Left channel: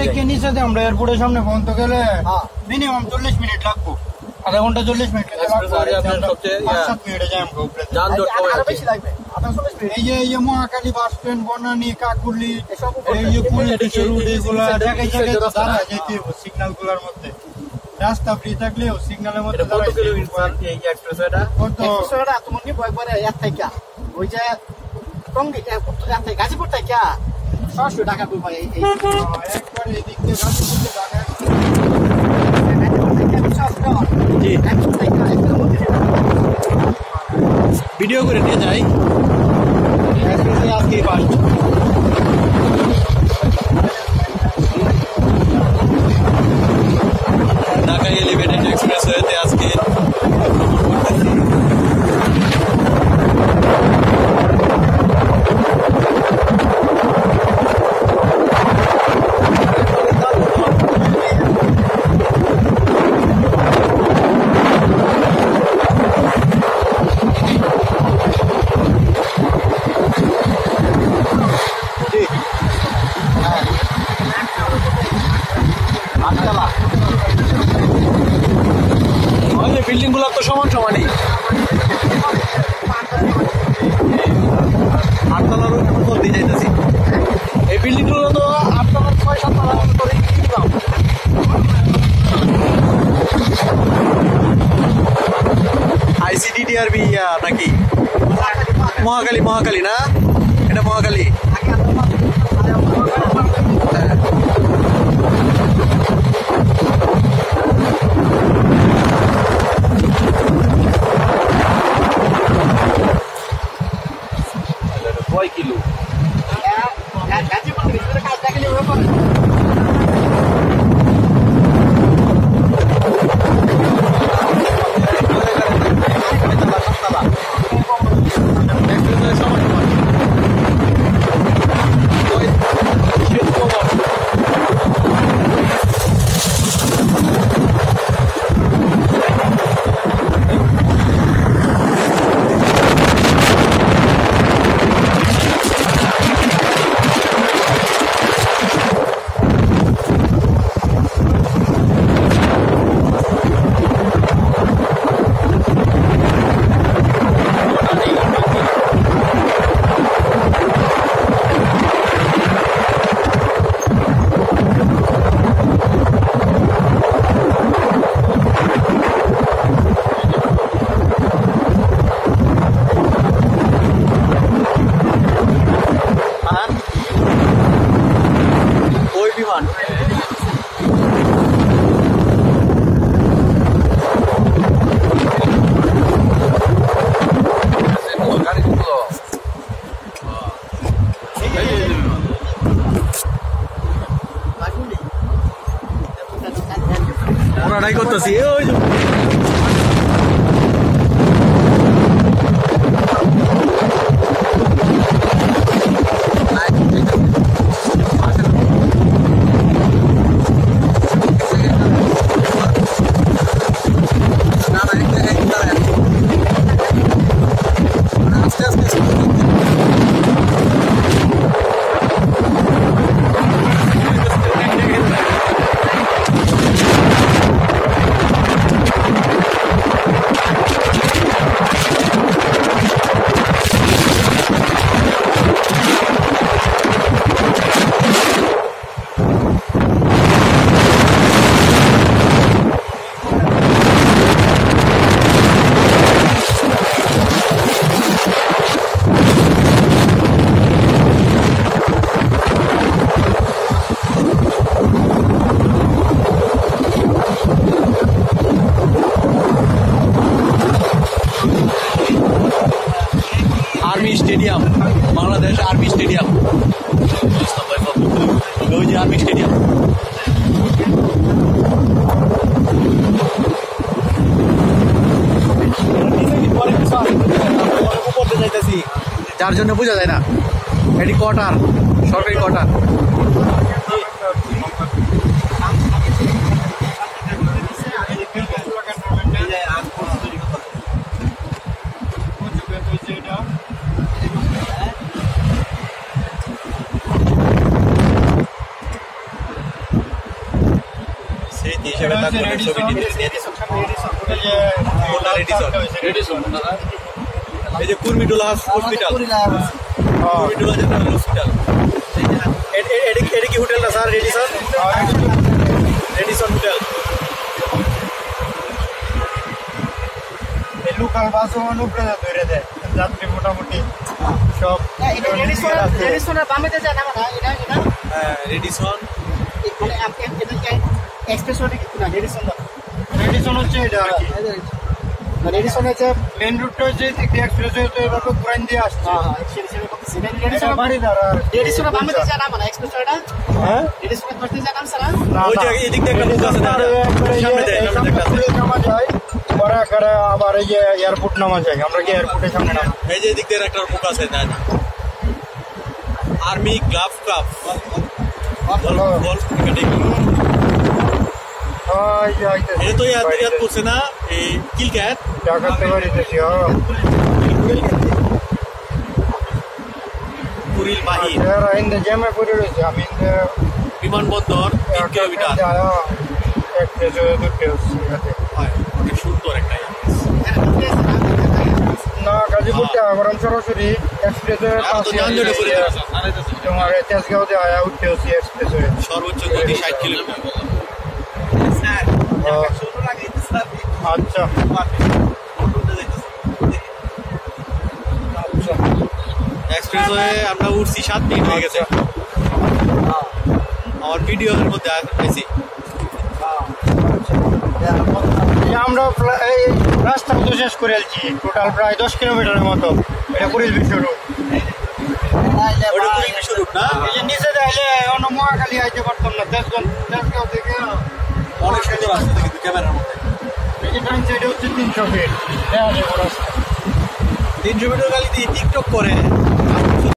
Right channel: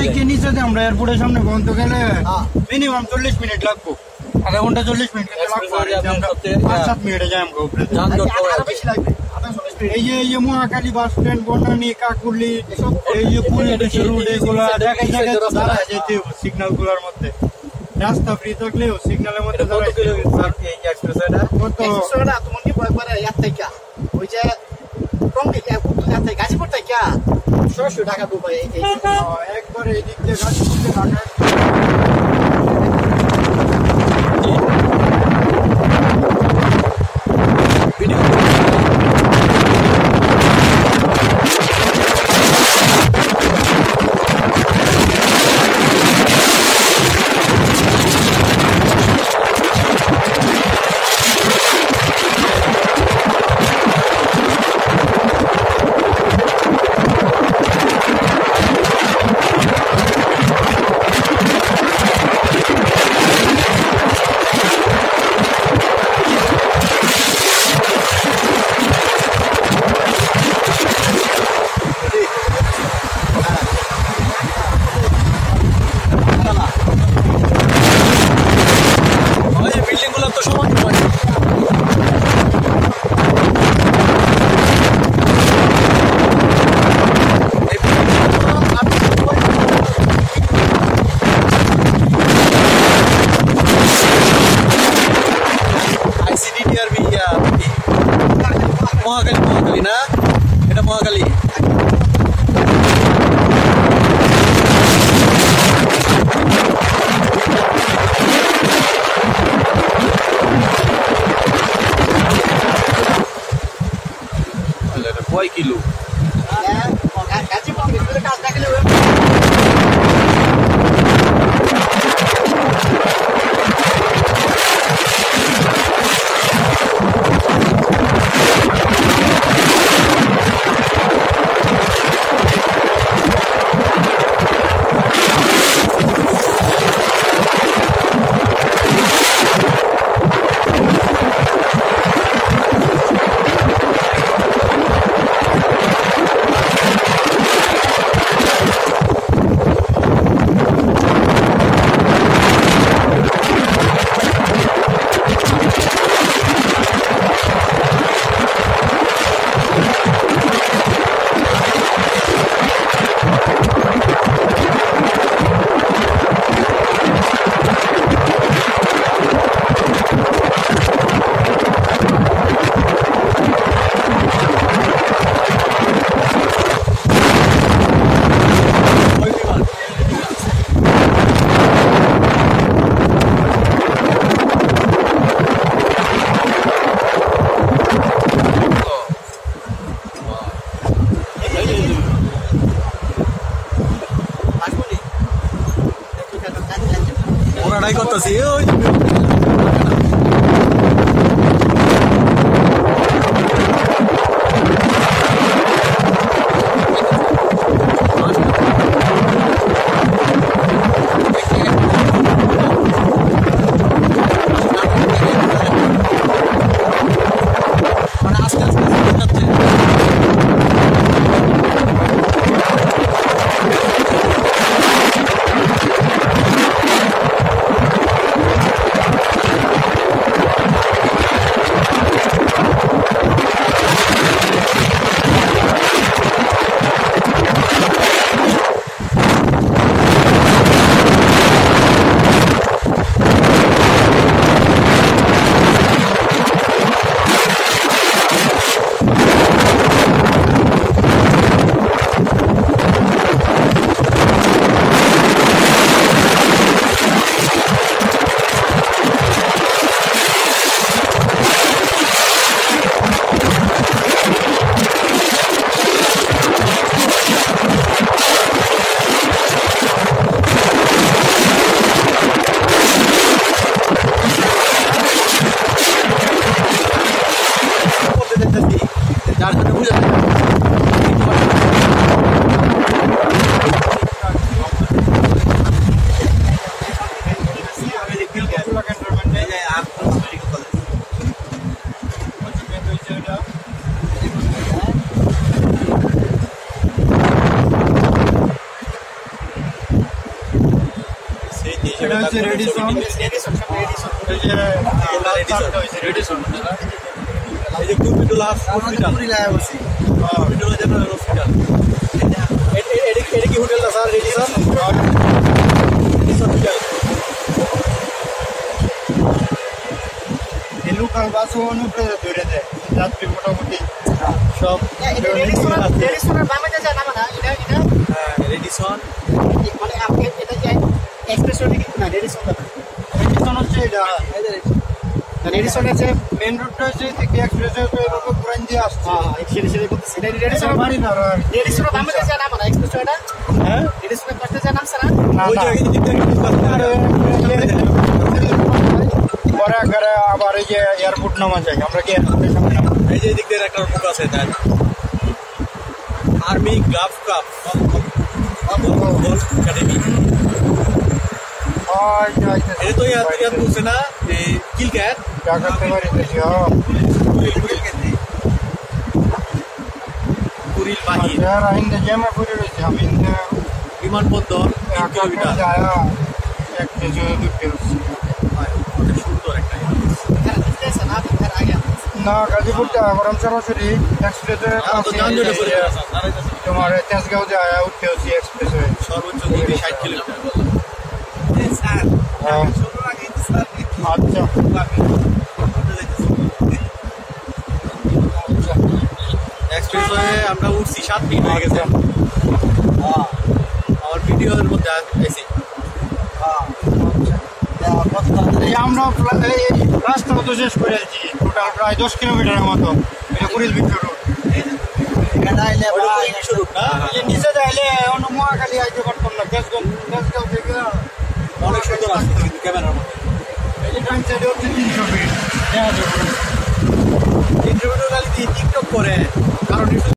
দেখে নিচে আমরা এয়ারপোর্টের সামনে পর্যন্ত গেলে মিনিমাম 40 মিনিট লাগবো, আধা ঘন্টা 40 মিনিট লাগবে, 5-7 মিনিটে যাই আমরা উপরে। এই যে মহাখালী বাস স্ট্যান্ড, বনানী, কাকুলি, এই যে পুরী রোড, এগুলা জায়গায় জায়গায় দাঁড়ায় যেতে হবে সিগন্যাল গুলার মধ্যে। রাস্তা ফ্রি থাকলেও সিগন্যালের মধ্যে গাজীপুর থেকে 600 টাকা ডুবাই একবারে এই দিক থেকে গাজীপুর ঢাকা। ভিডিও করে যাই। বিল্ডিং গুলো তো সমান সমান। এই বিল্ডিং গুলো তো আইসিডিডিআরবি নাকি মহাখালী না, এটা মহাখালী। কয় কিলো? ওনারাই করতেছি ওই যার জন্য বোঝা যায় না এটি কটা সরকারি কটা। সাক্ষী হিসেবে এটা হচ্ছে তারপরে Redison। ছবিটি নিয়ে রেডিসন সামনে রেডিসন এই যে কোনটা Redison? রেডিসন এই যে Kurmitola hospital Kurmitola general hospital এটা কি হোটেলটা স্যার রেডিসন রেডিসন হোটেল এই লোকাল বাসও অনুপ্রে ধরে দেয় যাত্রী মোটামুটি সব এটা রেডিসনের বামেতে যায় না মানে এটা হ্যাঁ রেডিসন মানে আপনি এটা কি এক্সপ্রেস রোড কি না রেডিসন না রেডিসন হচ্ছে এটা রেডিসনের যে মেন রুটটা হচ্ছে এক্সপ্রেস হয়ে এভাবে পুরান দিয়ে আসছে সেটা করতেছে এটা এটা রেডিসন বাড়ি দাঁড়ার রেডিসনের বামেতে যায় না মানে এক্সপ্রেস রোডটা হ্যাঁ রেডিসনের পাশে যায় না স্যার ওই যে এদিক দিয়ে একটা মুখ আছে না সামনে দেয় সামনে একটা আছে পরে একবারে আবার এই যে এয়ারপোর্ট নামা যায় আমরা কি এয়ারপোর্টের সামনে নামা এই যে এদিক দিয়ে একটা মুখ আছে দেন আর্মি গ্লাভ কাপ বল একাডেমি এটা তো ইয়াদ করছে না এই কিল ক্যাট ঢাকাতে বাড়িতেছি কুরিল বাহির ইন্দে জ্যামে পড়ে রয়েছে আমি বিমানবন্দর 3 কিলোমিটার এক থেকে দুটো হয় অনেক সুন্দর একটা না গাজীপুরতে আবার সরাসরি এক্সপ্রেসে তো যানজটে পড়ে যাবে তোমার তেজগাঁও যে আয়া উঠতে হচ্ছে এক্সপ্রেস হয়ে সর্বোচ্চ গতি 60 কিলোমিটার আচ্ছা এক্সপ্রেস হয়ে আমরা উঠছি 7 মিনিট হয়ে গেছে আমার ভিডিওর মধ্যে পেয়েছি এই যে আমরা এই রাস্তা মতো শেষ করে আলছি টোটাল প্রায় 10 কিলোমিটারের মতো এটা কুড়িল বিশ্ব রোড ওটা কুড়িল বিশ্ব রোড না এই যে নিচে যাইলে অন্য মহাখালী আইতে পারতাম না তেজগাঁও থেকে অনেক সুন্দর আসছে কিন্তু ক্যামেরার মধ্যে এই যে ডান সাইডে হচ্ছে 300 ফিট দেখা যায় পুরো 300 মিটার গাড়ি দিয়ে টিকটক করে আর